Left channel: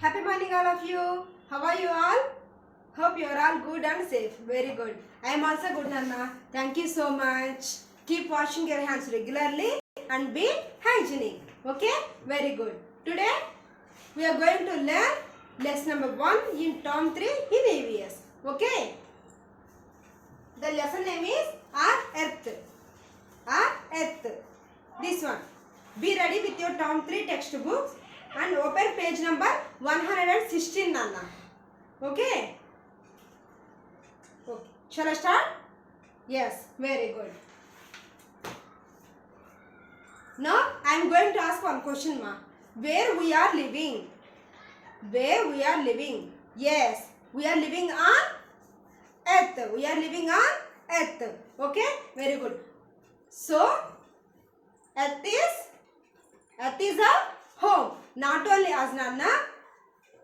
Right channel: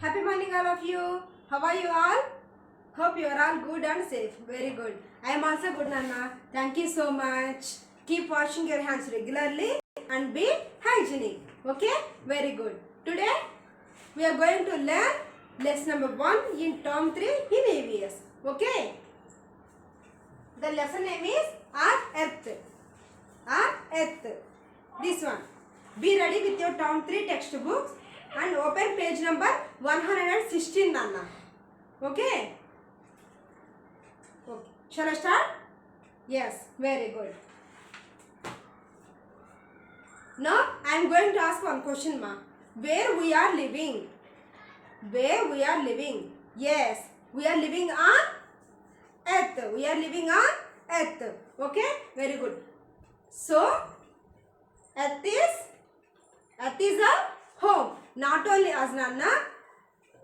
Happy morning all of you. How are you all? Hope you are all good and safe. Very good. I am also good, Nana. Thank you so much. Keep washing your hands regularly and be hygienic. Okay? Very good. Today we are going to learn lesson number 1 in term 3 in EVS. Okay? The lesson name is Our Earth. Our Earth. This one. Be ready with your term 3 textbooks and open page number 116, Nana. Okay? Okay. Shall I start? Yes. Very good. Now I am going to ask one question, ma. Where we are living? Where we are living? Yes. We are living on Earth. We are living on Earth. Okay? Very good. So, Earth is our home. Not only as Nana,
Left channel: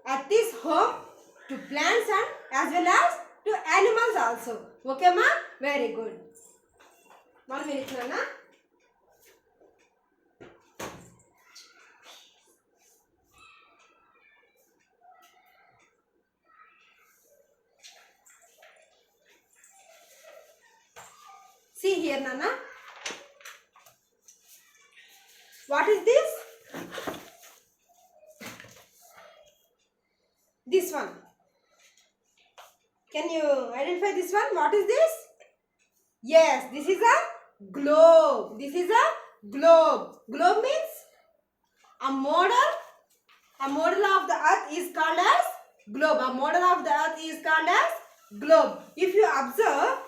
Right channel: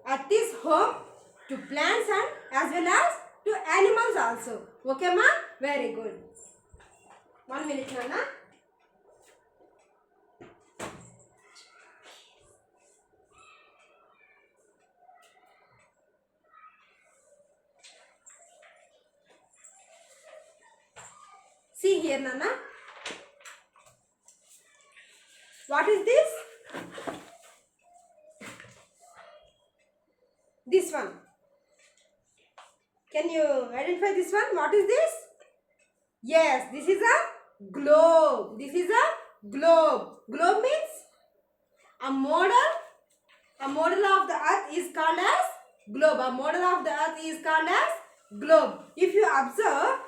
Earth is home to plants and as well as to animals also. Okay, ma? Very good. 1 minute, Nana. See here, Nana. What is this? This one. Can you identify this one? What is this? Yes, this is a globe. This is a globe. Globe means a model. A model of the earth is called as globe. A model of the earth is called as globe. If you observe,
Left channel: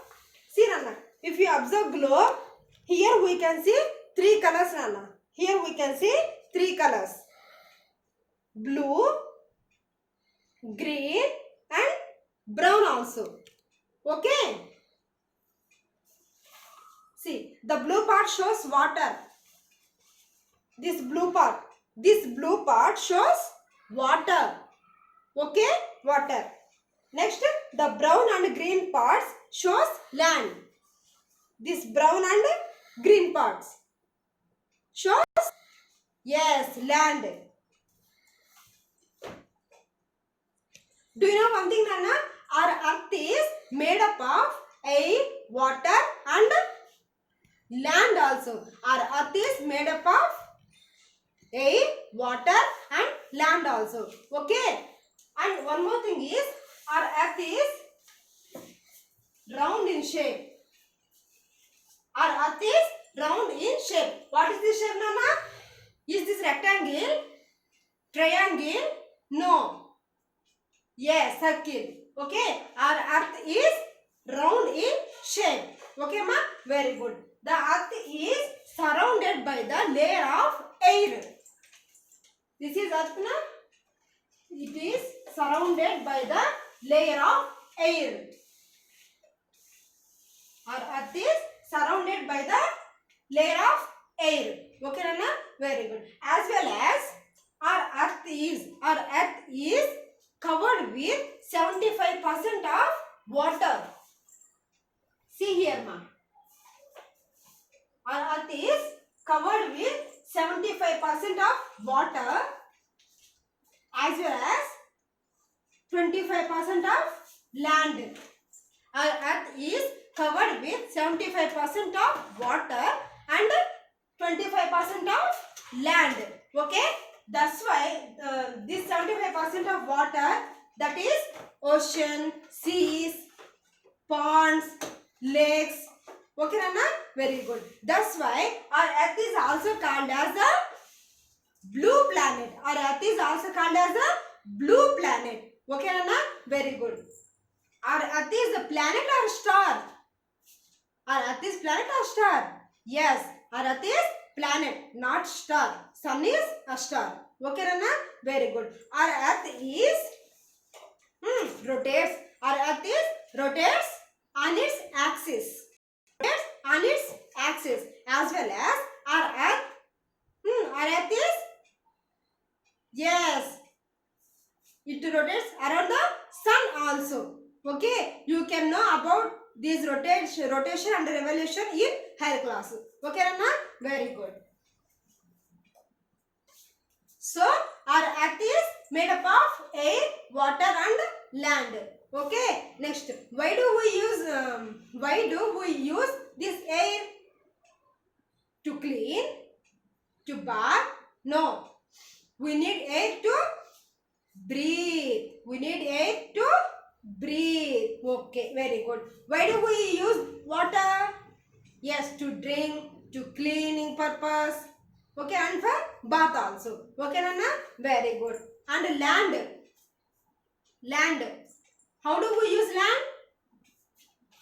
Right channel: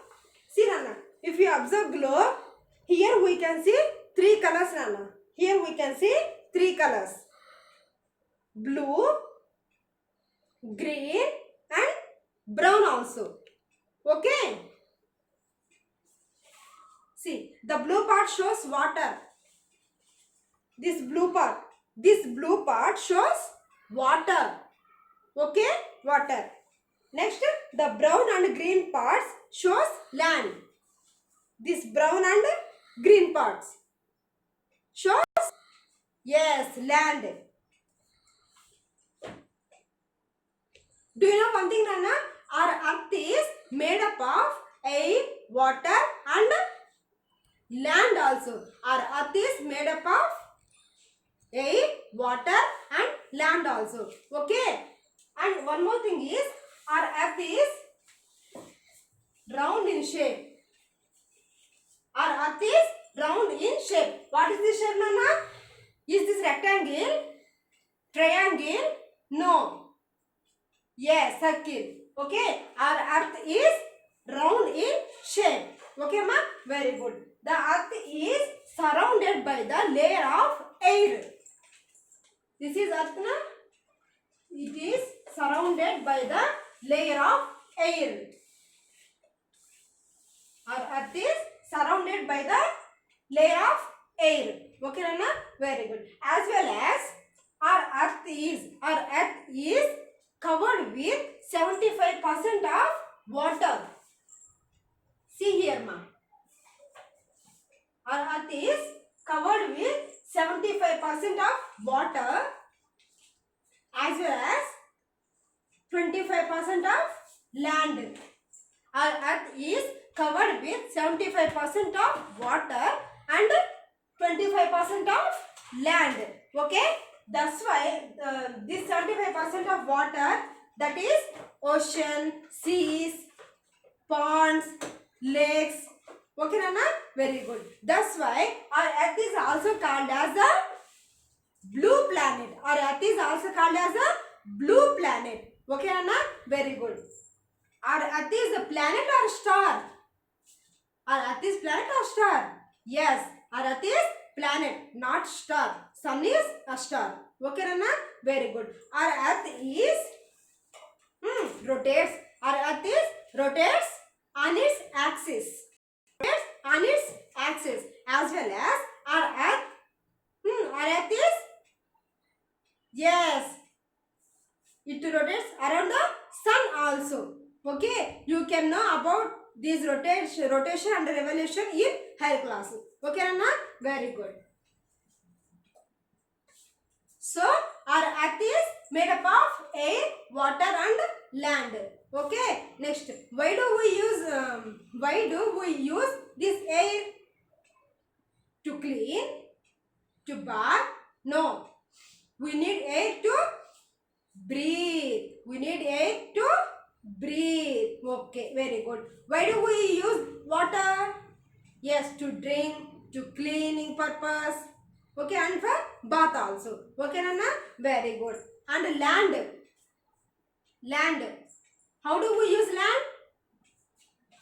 see Nana, if you observe globe, here we can see 3 colors, Nana. Here we can see 3 colors. Blue, green and brown also. Okay. See, the blue part shows water. This blue part shows water. Okay, water. Next, the brown and green parts shows land. This brown and green parts shows, yes, land. Do you know one thing, Nana? Our earth is made up of air, water and land also. Our earth is made up of air, water and land also. Okay. And one more thing is, our earth is round in shape. Our earth is round in shape. What is this shape, Nana? Is this rectangle? Triangle? No. Yes, circle. Okay. Our earth is round in shape. Okay, ma? Very good. The earth is surrounded by the layer of air. This is earth, na? It is surrounded by the layer of air. Our earth is surrounded by the layer of air. Okay, Nana? Very good. As well as our earth is covered with 75% of water. See here, ma. Our earth is covered with 75% of water as well as 25% of land. Our earth is covered with 75% of water and 25% of land. Okay? That's why this 75% of water, that is ocean, seas, ponds, lakes. Okay, Nana? Very good. That's why our earth is also called as a blue planet. Our earth is also called as a blue planet. Okay, Nana? Very good. Our earth is a planet or star? Our earth is planet or star? Yes, our earth is planet, not star. Sun is a star. Okay, Nana? Very good. Our earth is rotates. Our earth is rotates on its axis. Rotates on its axis. As well as our earth is, yes, it rotates around the sun also. Okay, you can know about this rotation and revolution in higher class. Okay, Nana? Very good. So, Our earth is made up of air, water and land. Okay, next, why do we use this air? To clean, to bath? No, we need air to breathe. We need air to breathe. Okay, very good. Why do we use water? Yes, to drink, to cleaning purpose. Okay, and for bath also. Okay, Nana? Very good. And land. Land. How do we use land?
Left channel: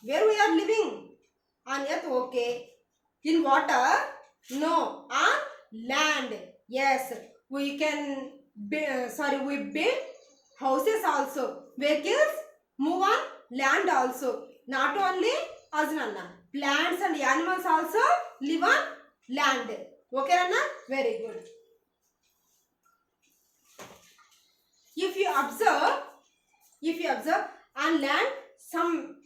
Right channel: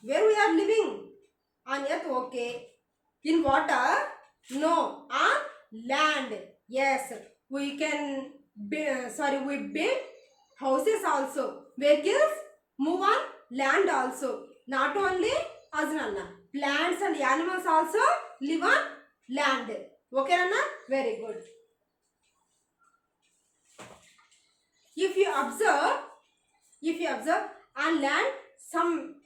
Where we are living? On earth, okay. In water? No. On land. Yes. We can we build houses also. Vehicles move on land also. Not only us, Nana. Plants and animals also live on land. Okay, Nana? Very good. If you observe on land, some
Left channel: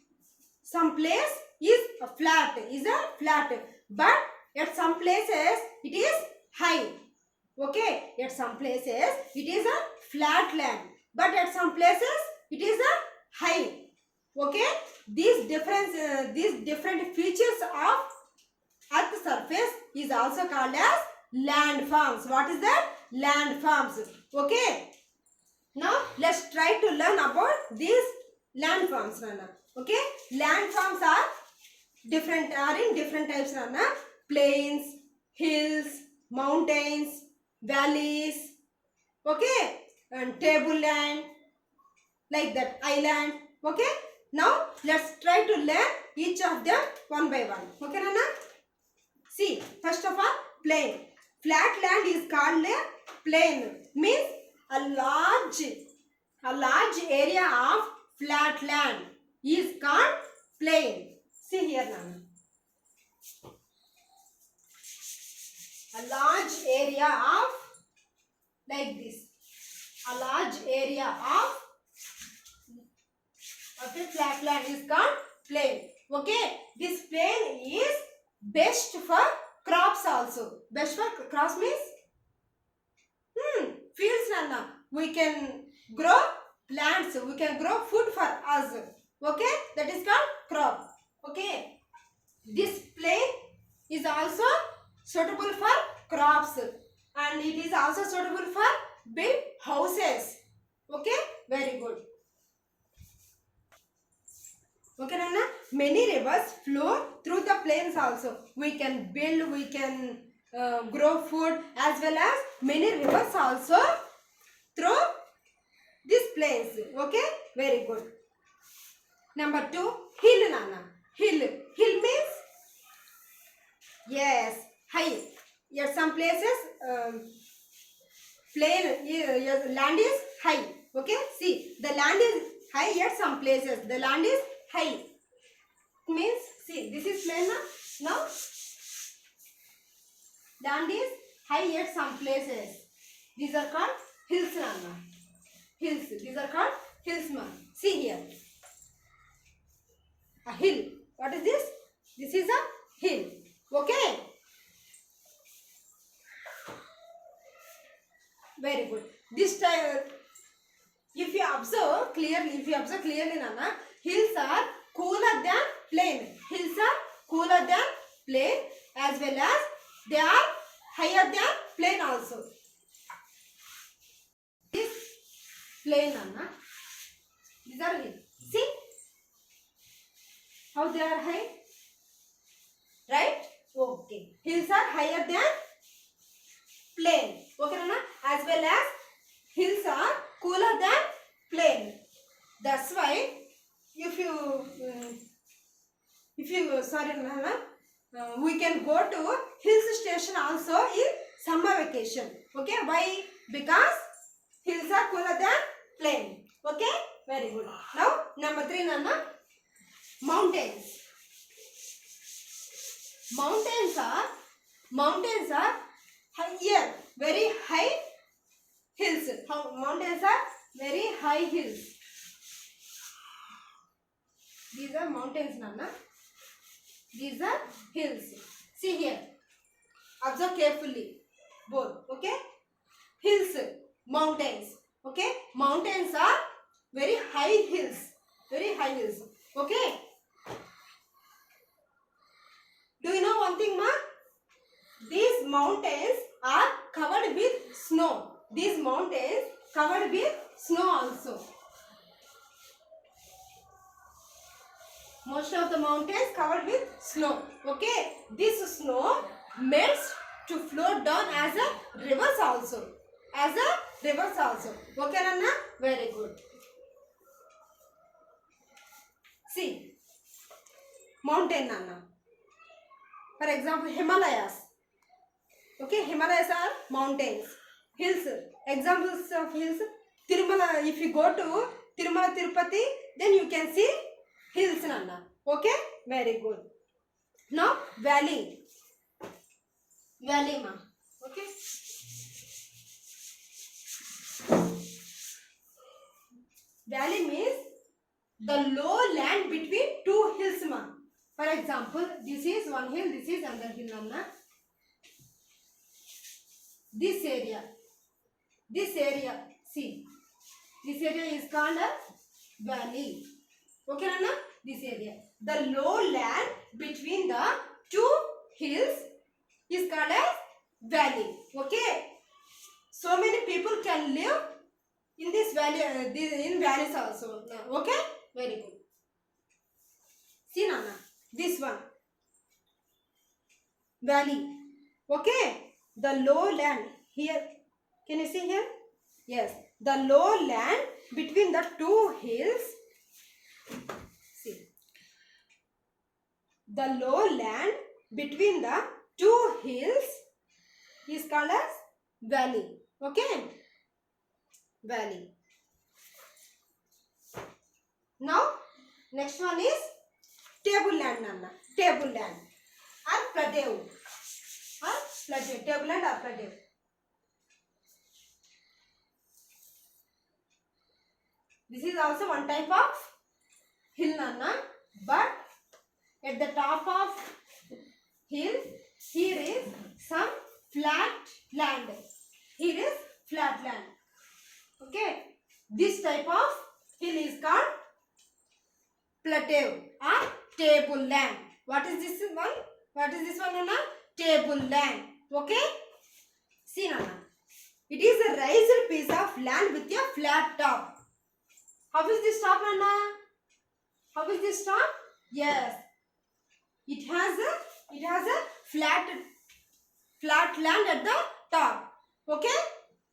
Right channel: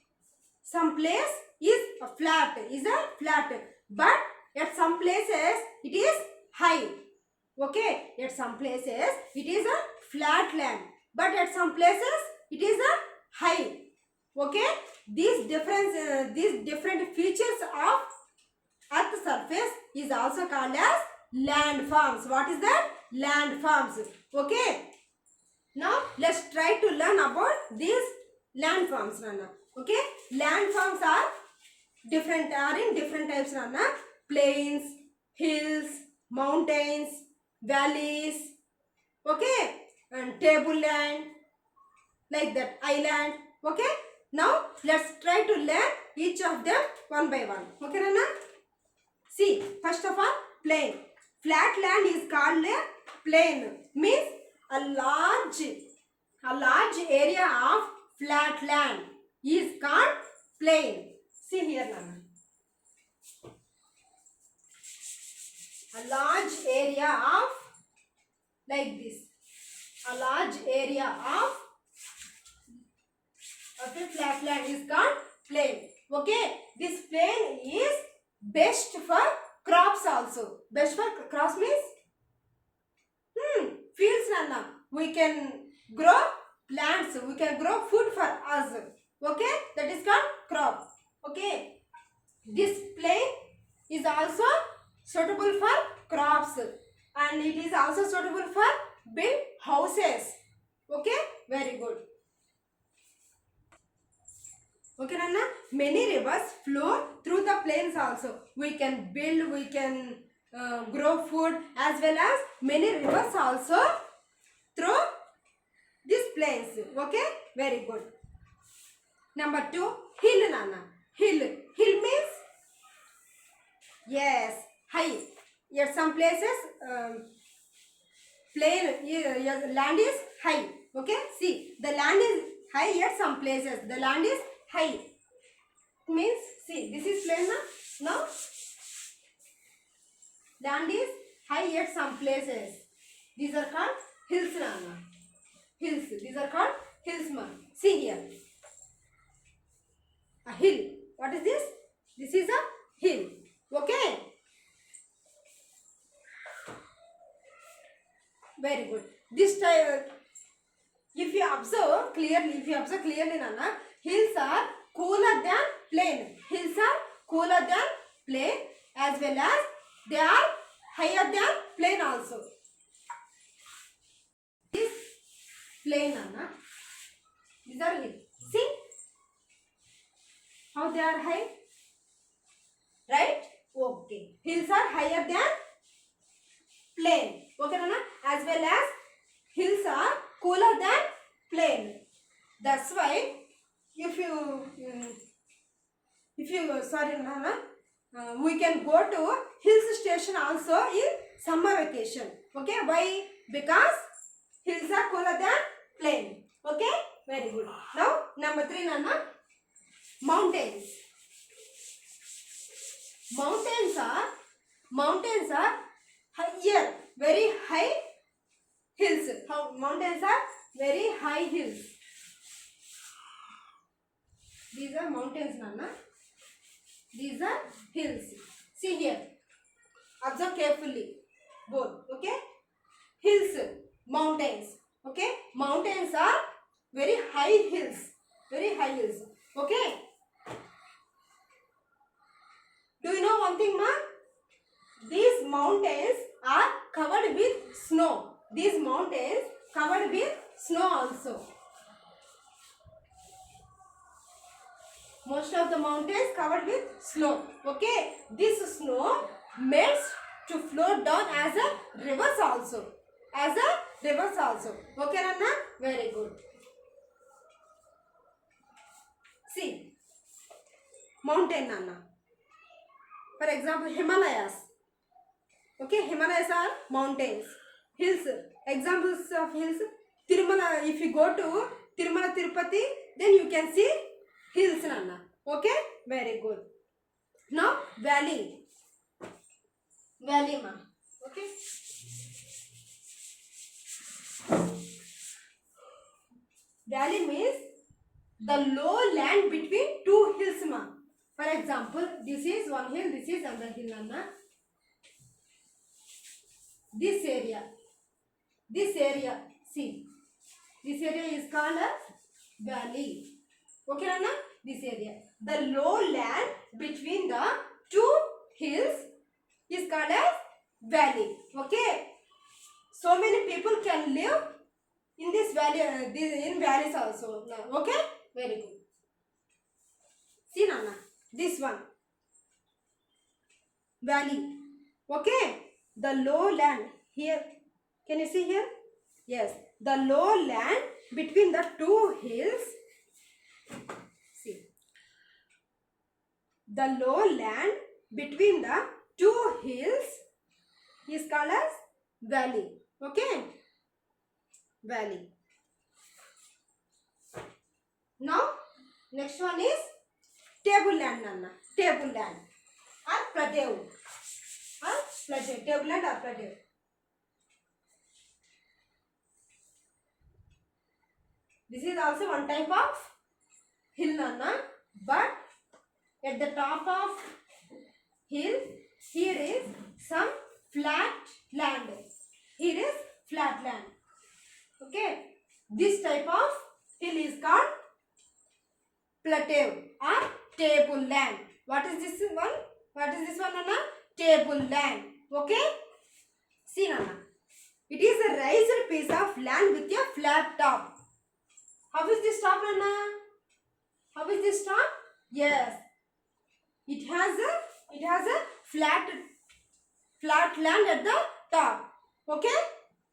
place is flat, but at some places it is high. Okay, at some places it is a flat land, but at some places it is a high. Okay, these different features of earth surface is also called as landforms. What is that? Landforms. Okay, now let's try to learn about these landforms, Nana. Okay, landforms are in different types, Nana. Plains, hills, mountains, valleys. Okay, and tableland, like that, island. Okay, now let's try to learn each of them one by one. Okay, Nana? See, first of all, plain. Flat land is called a plain. Means a large area of flat land is called plain. See here, Nana. A large area of, like this, a large area of a flat land is called plain. Okay, this plain is best for crops also. Best for crops means fields, Nana. We can grow plants, we can grow food for us. Okay, that is called crop. Okay, this plain is also suitable for crops, and it is also suitable for build houses. Okay, very good. Okay, Nana? Many rivers flow through the plains also. We can build, we can grow food, as well as many rivers also through these plains. Okay, very good. Number 2, hill, Nana. Hill means, yes, high. At some places land is high. Okay, see, the land is high at some places. The land is high. Means, see, this is plain now. Land is high at some places. These are called hills, Nana. Hills. These are called hills, man. See here. A hill. What is this? This is a hill. Okay. Very good. This type, if you observe clearly, Nana, hills are cooler than plain. Hills are cooler than plain, as well as they are higher than plain also. This plain, Nana. These are hills. See how they are high, right? Okay. Hills are higher than plain. Okay, Nana? As well as hills are cooler than plain. That's why if you sorry, Nana, we can go to hill station also in summer vacation. Okay, why? Because hills are cooler than plain. Okay, very good. Now number 3, Nana, mountains. Mountains are higher, very high hills. Mountains are very high hills. These are mountains, Nana. These are hills. See here. Observe carefully. Both. Okay. Hills. mountains. Okay, mountains are very high hills, very high hills. Okay, do you know one thing, ma? These mountains are covered with snow. These mountains covered with snow also. Most of the mountains covered with snow. Okay, this snow melts to flow down as a rivers also. As a rivers also. Okay, Ranna? Very good. See, mountain, Nana. For example, Himalayas. Okay, Himalayas are mountains. Hills. Examples of hills. Tirumala. If you go to Tirumala Tirupati, then you can see hills, Nana. Okay, very good. Now, valley. Valley, ma. Okay. Valley means the low land between two hills, ma. For example, this is one hill, this is another hill, Anna. This area, see, this area is called a valley. Okay, Anna? This area. The low land between the two hills is called as valley. Okay. So many people can live in this valley, in valleys also. Okay, very good. See, Nana, this one, valley. Okay, the low land here. Can you see here? Yes, the low land between the two hills. See, the low land between the two hills is called as valley. Okay, valley. Now, next one is tableland, Nana. Tableland or plateau. Plateau. Tableland or plateau. This is also one type of hill, Nana. But at the top of hill, here is some flat land. Here is flat land. Okay. This type of hill is called plateau or tableland. What is this one? What is this one, Nana? Tableland. Okay. See, Nana. It is a raised piece of land with a flat top. How is this top, Nana? How is this top? Yes. It has a flat land at the top. Okay.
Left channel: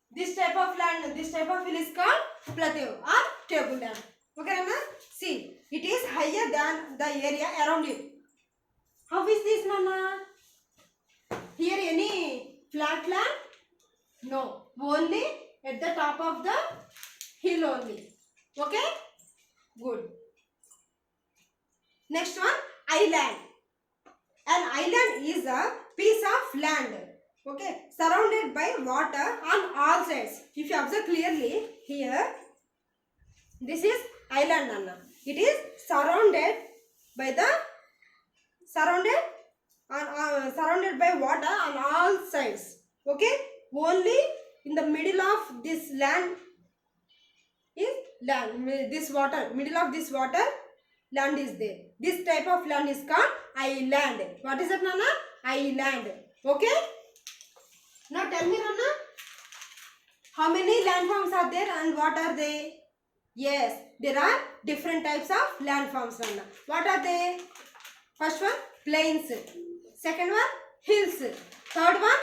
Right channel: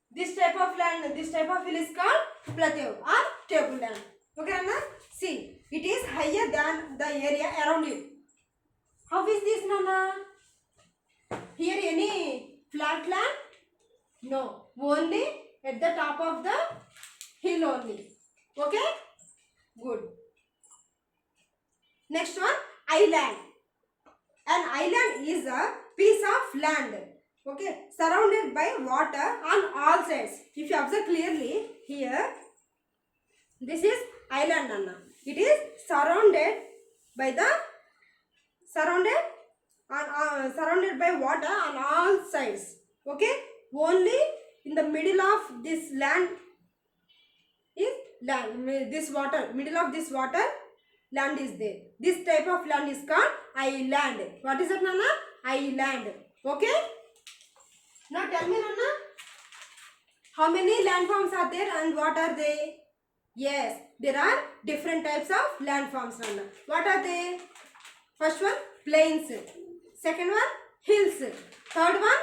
This type of land, this type of hill is called plateau or tableland. Okay, Nana? See, it is higher than the area around it. How is this, Nana? Here any flat land? No. Only at the top of the hill only. Okay? Good. Next one, island. An island is a piece of land. Okay? Surrounded by water on all sides. If you observe clearly, here, this is island, Nana. It is surrounded by water on all sides. Okay, only in the middle of this land is land. This water, middle of this water, land is there. This type of land is called island. What is it, Nana? Island. Okay. Now tell me, Nana, how many landforms are there and what are they? Yes, there are different types of landforms, Nana. What are they? First one, plains. Second one, hills. Third one,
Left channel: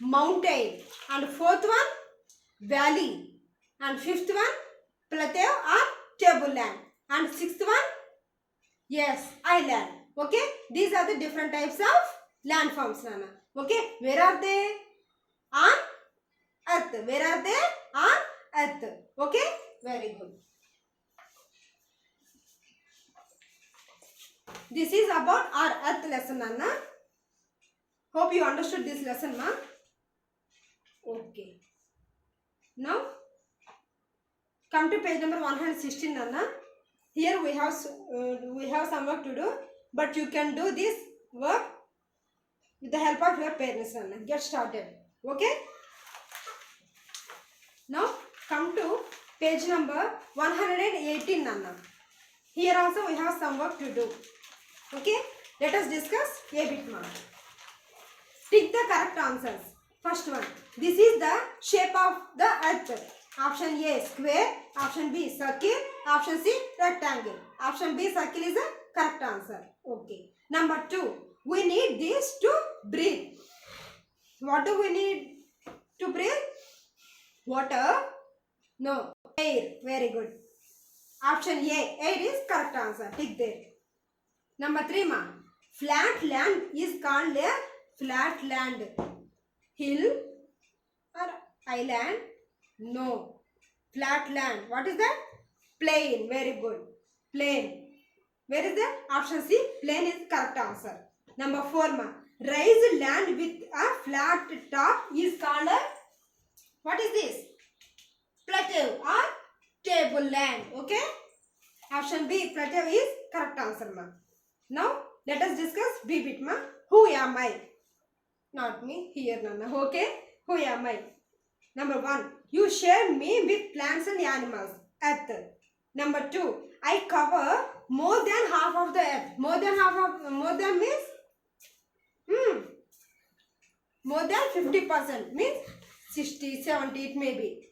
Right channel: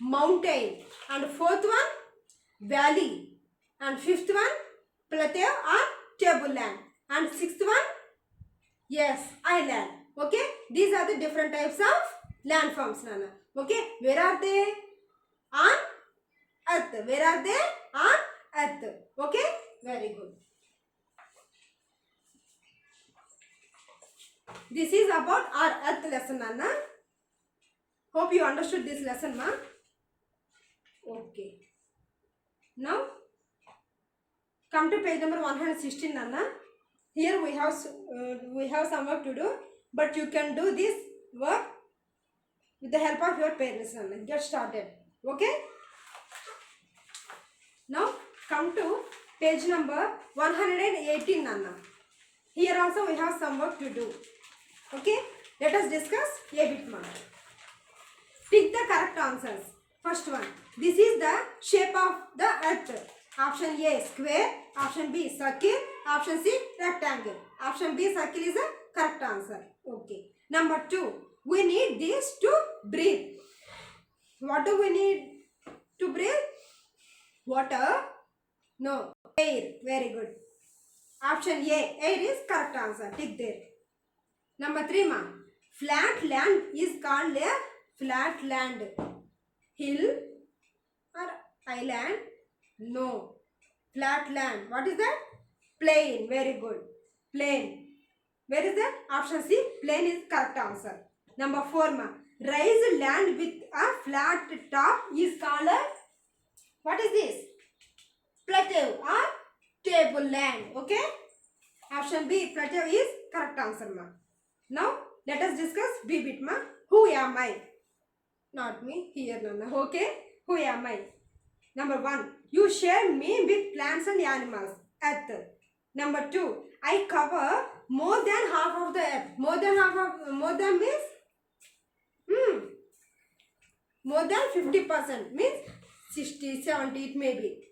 mountain. And fourth one, valley. And fifth one, plateau or tableland. And sixth one, yes, island. Okay, these are the different types of landforms, Nana. Okay, where are they? On earth. Where are they? On earth. Okay, very good. This is about our earth lesson, Nana. Hope you understood this lesson, ma. Okay. Now, come to page number 116, Nana. Here we have some work to do, but you can do this work with the help of your parents, Nana. Get started. Okay. Now come to page number 118 Nana. Here also we have some work to do. Okay, let us discuss a bit more. Pick the correct answers. First one, this is the shape of the earth. Option A square, option B circle, option C rectangle. Option B circle is the correct answer. Okay. Number 2, we need this to breathe. What do we need to breathe? Water? No. Air. Very good. Option A, air is correct answer. Tick there. Number 3 ma, flat land is called a flat land. Hill or island? No. Flat land. What is that? Plain. Very good. Plain. Where is that? Option C. Plain is correct answer. Number 4 ma, raised land with a flat top is called a, what is this? Plateau or tableland. Okay. Option B. Plateau is correct answer ma. Now let us discuss B bit ma. Who am I? Not me. Here Nana. Okay. Who am I? Number 1, you share me with plants and animals. Earth. Number 2, I cover more than half of the earth. More than means more than 50% means 60, 70 it may be.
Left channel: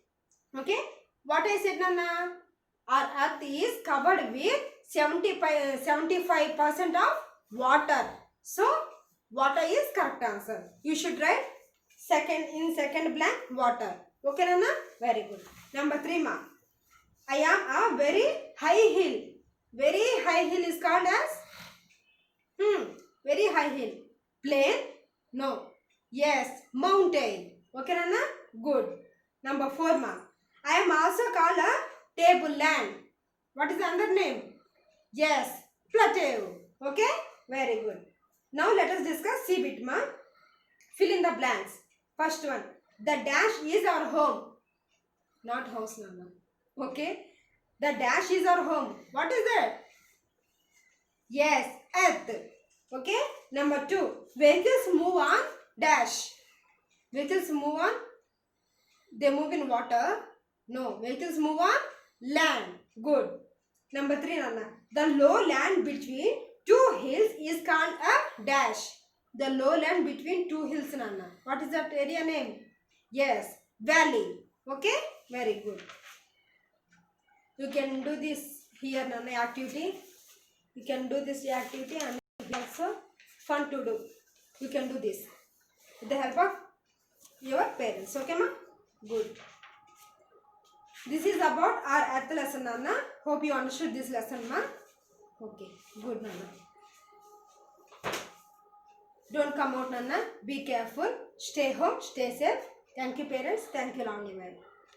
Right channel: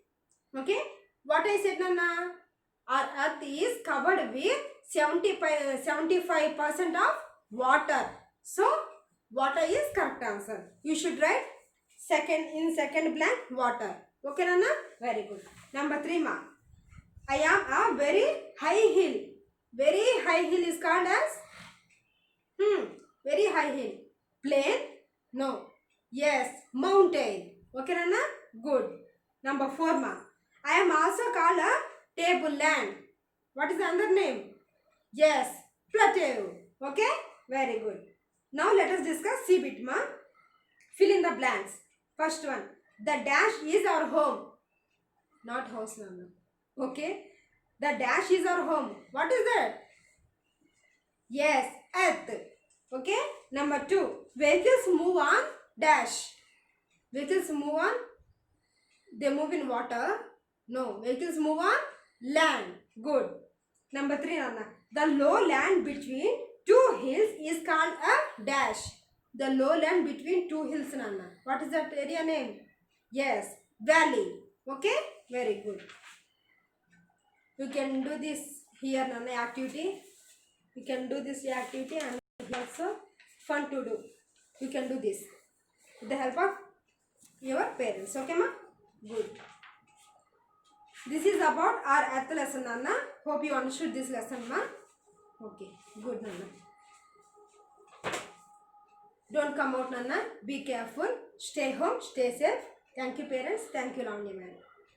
Okay. What I said Nana? Our earth is covered with 75% of water. So water is correct answer. You should write second blank water. Okay Nana? Very good. Number 3 ma, I am a very high hill. Very high hill is called as very high hill. Plain? No. Yes, mountain. Okay Nana? Good. Number 4 ma, I am also called a tableland. What is the other name? Yes, plateau. Okay? Very good. Now let us discuss C bit ma. Fill in the blanks. First one, the dash is our home. Not house Nana. Okay? The dash is our home. What is that? Yes, earth. Okay? Number 2, vehicles move on dash. Vehicles move on, they move in water. No, vehicles move on land. Good. Number 3 Nana, the low land between two hills is called a dash. The low land between two hills Nana. What is that area name? Yes, valley. Okay? Very good. You can do this here Nana activity. You can do this activity and also fun to do. You can do this with the help of your parents. Okay ma? Good. This is about our earth lesson Nana. Hope you understood this lesson ma. Okay. Good Nana. Don't come out Nana. Be careful. Stay home. Stay safe. Thank you parents. Thank you Lavanya ma'am.